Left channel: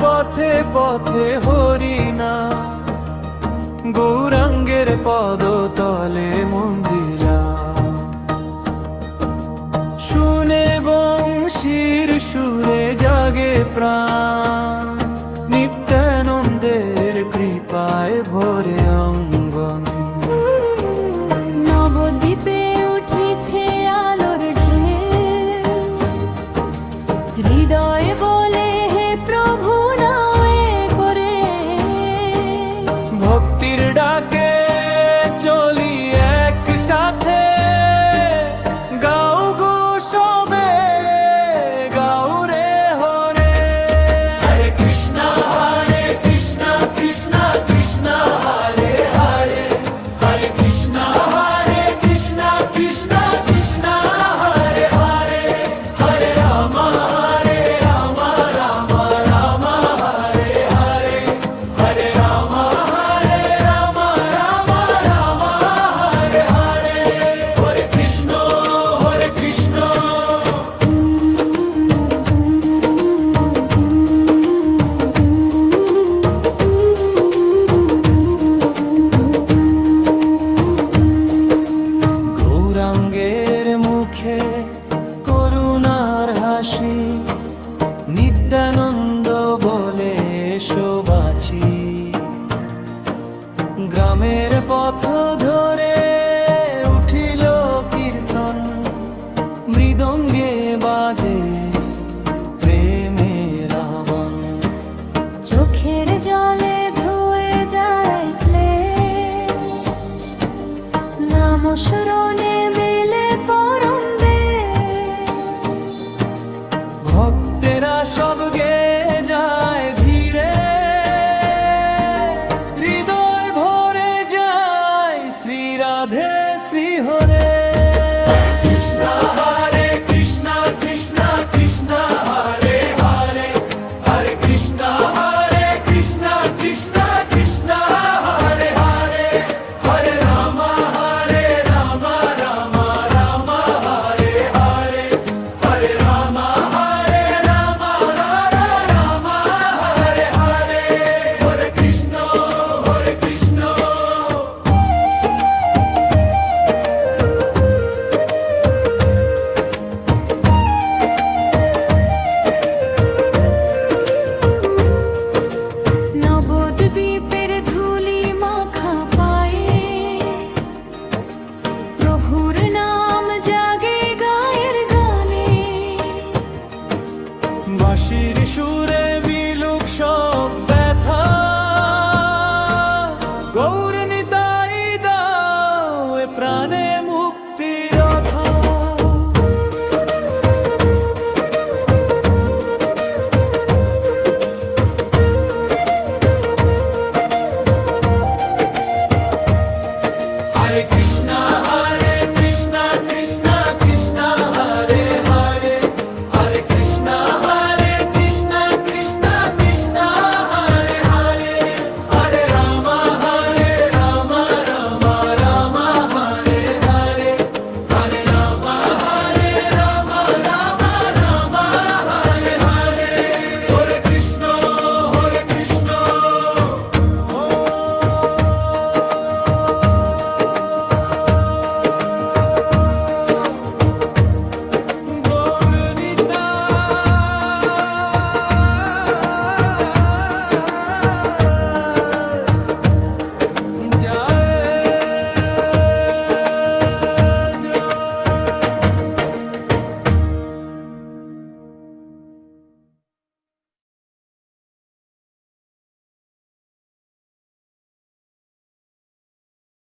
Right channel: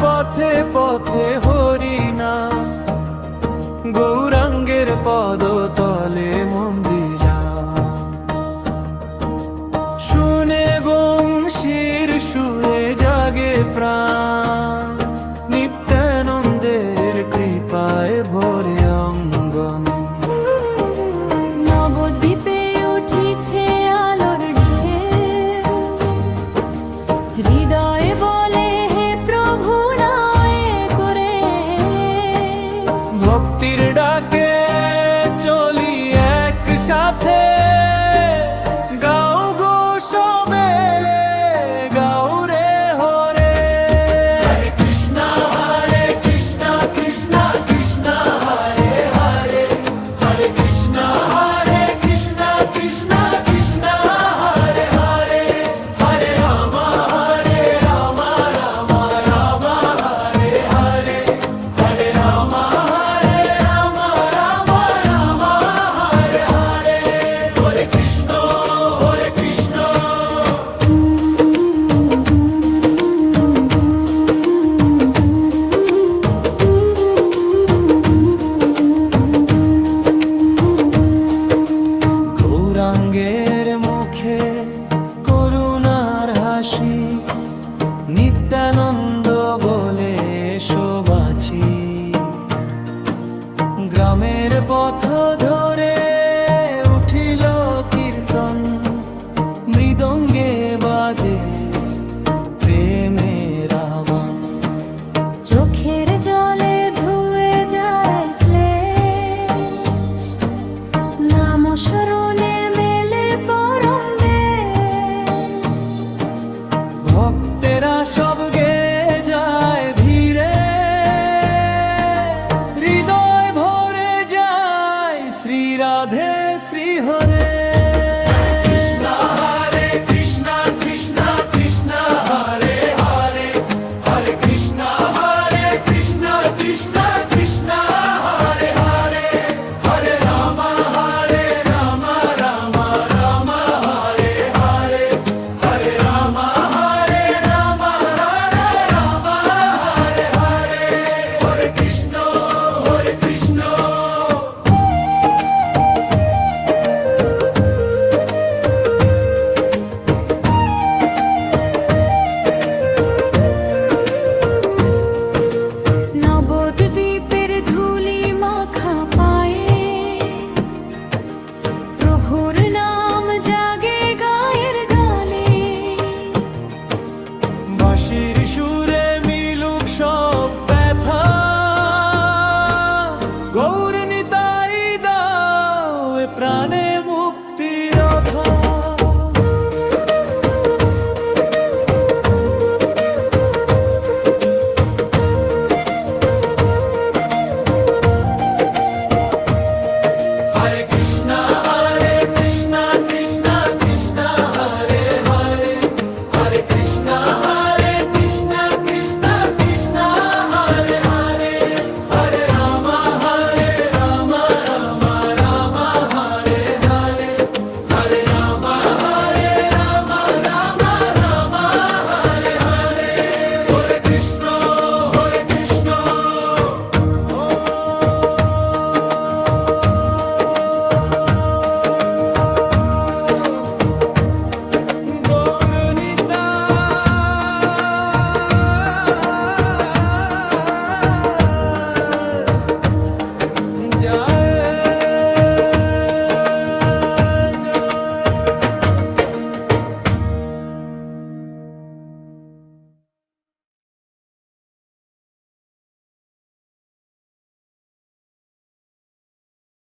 পথে পথে হরিনাম, গৌরাঙ্গের পদতলে মন্দিরা। শুনে বংশীর সুরে জাগে প্রাণ, নিত্যানন্দের কৃপায় ভরে অঙ্গন। নবদ্বীপে উঠিছে আলোর ঢেউ, হৃদয়ে বলে হে প্রভু নাও এ করে। ভক্তির ডাকে চলি একসাথে, গাও গো সবে, গাও রে হরে। হরে কৃষ্ণ কৃষ্ণ কৃষ্ণ কৃষ্ণ হরে হরে, হরে কৃষ্ণ কৃষ্ণ কৃষ্ণ কৃষ্ণ হরে হরে, হরে রাম রাম রাম হরে হরে, হরে রাম রাম রাম হরে হরে। হরে কৃষ্ণ কৃষ্ণ। গৌরাঙ্গের মুখে করুণার হাসি, নিত্যানন্দ বলে এসো বাছি। গ্রামের পথ ধরে উঠিল কীর্তন, মৃদঙ্গে বাজে প্রেমের আহ্বান। চোখের জলে ধুয়ে যায় ক্লেশ, নাম স্মরণে মেলে পরম দেশ। ভক্তেরা সব গে যায় ধীরে, হৃদয় ভরে যায় শ্রী রাধে শ্রী হরে। কৃষ্ণ কৃষ্ণ কৃষ্ণ কৃষ্ণ হরে হরে, হরে কৃষ্ণ কৃষ্ণ কৃষ্ণ কৃষ্ণ হরে হরে, হরে রাম রাম রাম হরে হরে, হরে রাম রাম রাম হরে হরে। হরে কৃষ্ণ কৃষ্ণ। নবদ্বীপের ধুলি মাখা পায়ে, প্রভুর নাম জাগে গায়ের গানে। বাঁশির সুরে